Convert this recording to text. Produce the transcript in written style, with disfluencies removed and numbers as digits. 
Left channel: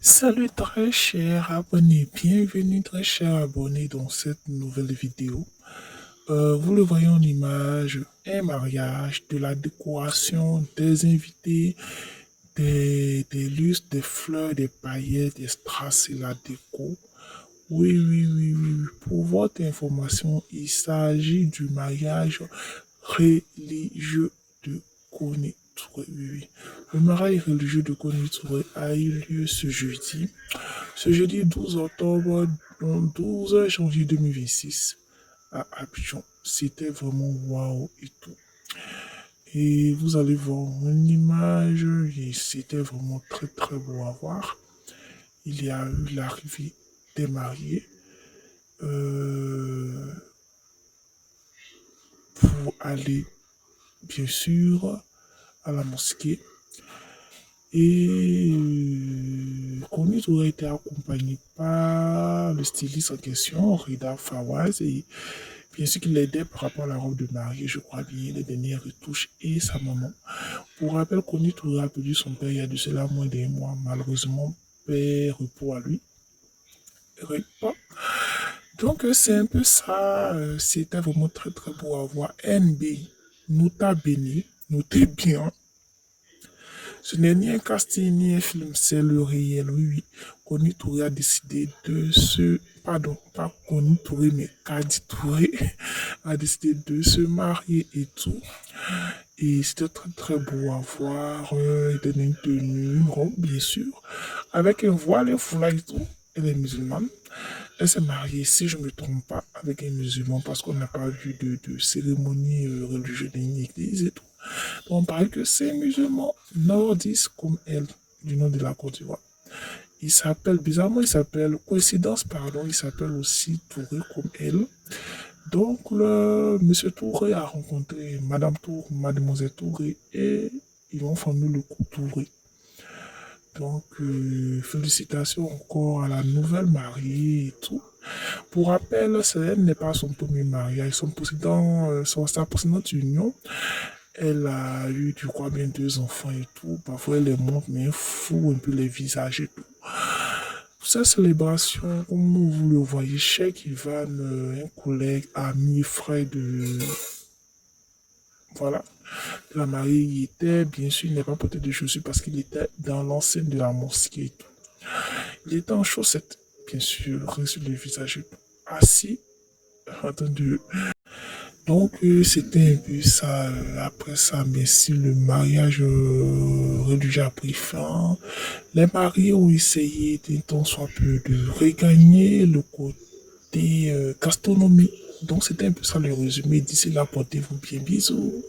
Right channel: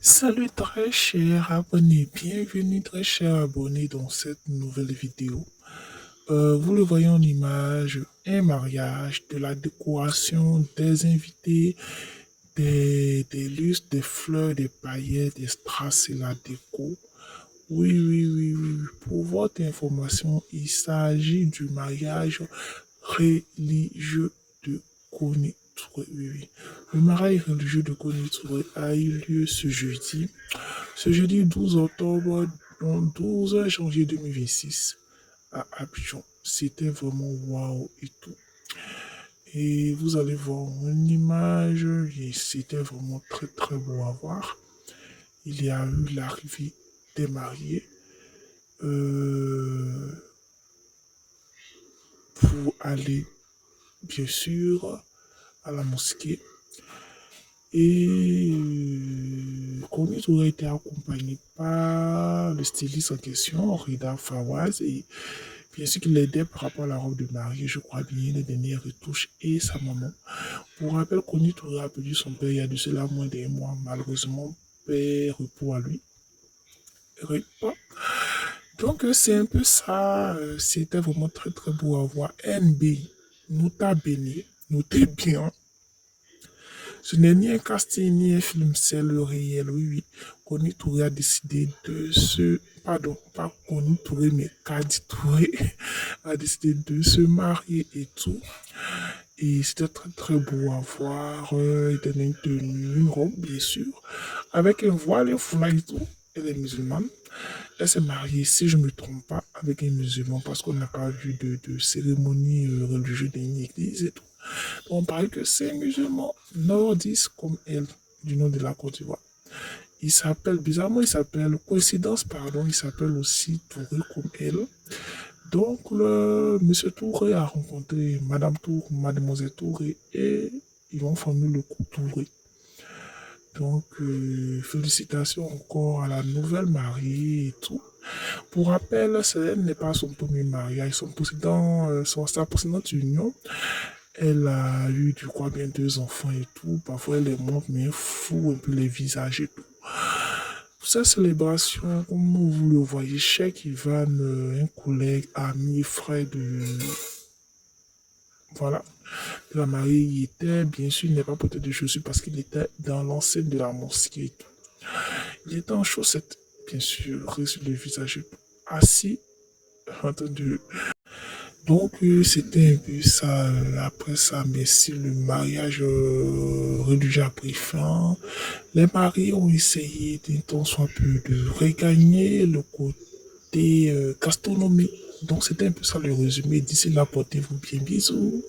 Salut très cher abonné, bienvenue très cher abonné dans cette nouvelle vidéo. Vous le voyez en image, un mariage, de la décoration, des invités, des lustres, des fleurs, des paillettes, des strass et la déco. Oui. Pour votre information, il s'agit du mariage religieux de Koni Touré. Oui. Le mariage religieux de Koni Touré a eu lieu ce jeudi 12 octobre, donc 12 janvier 2026 à Abidjan. C'était vraiment waouh et tout. Et vous allez voir une image, et c'était vraiment très beau à voir. Il y a eu l'arrivée des mariés euh, pour aller, bien sûr, à la mosquée. Et Konut aurait été accompagné par le styliste en question, Rida Fawaz, et bien sûr qu'il l'aidait par rapport à la robe de mariée, je crois bien, les dernières retouches et sa maman. Pour rappel, Konut aurait perdu son père il y a de cela moins d'un mois. Malheureusement, père, repos à lui. Donc c'est un peu ça, c'était vraiment très beau à voir. NB, nous t'a béni, nous t'es bien. Ce n'est ni un casting ni un film, c'est le réel, oui. Koni Touré a décidé de se... Pardon, pas Koni Touré, mais Kadi Touré a décidé de se marier et tout. Et c'était très beau à voir. Il tenait une tenue, une robe, bien sûr, avec un voile, un foulard et tout. Elle est musulmane. Elle s'est mariée, si je ne me trompe pas, avec un musulman parce qu'on n'a pas vu de cérémonie religieuse dans une église et tout. On parle que c'est un musulman nordiste comme elle, du nom de la Côte d'Ivoire. Il s'appelle, bizarrement, il s'appelle, coïncidence, pardon, il s'appelle aussi Touré comme elle. Donc, monsieur Touré a rencontré Madame Tour, Mademoiselle Touré, et ils ont formé le couple Touré. Donc, félicitations encore à la nouvelle mariée et tout. Pour rappel, elle n'est pas son premier mariage, sa précédente union. Elle a eu, je crois, bien deux enfants et tout. Parfois, elle les montre, mais elle fout un peu les visages et tout. Pour cette célébration, comme vous le voyez, Cheikh Ivan, un collègue, ami, frère de, voilà, de la mariée, il était, bien sûr, il n'est pas porté de chaussures parce qu'il était dans l'enceinte de la mosquée et tout. Il était en chaussettes, bien sûr, sur le visage et tout. Assis, en train de donc, c'était un peu ça. Après ça, bien sûr, le mariage religieux a pris fin. Les mariés ont essayé d'un temps soit peu de regagner le côté gastronomie. Donc, c'était un peu ça le résumé. D'ici là, portez-vous bien, bisous.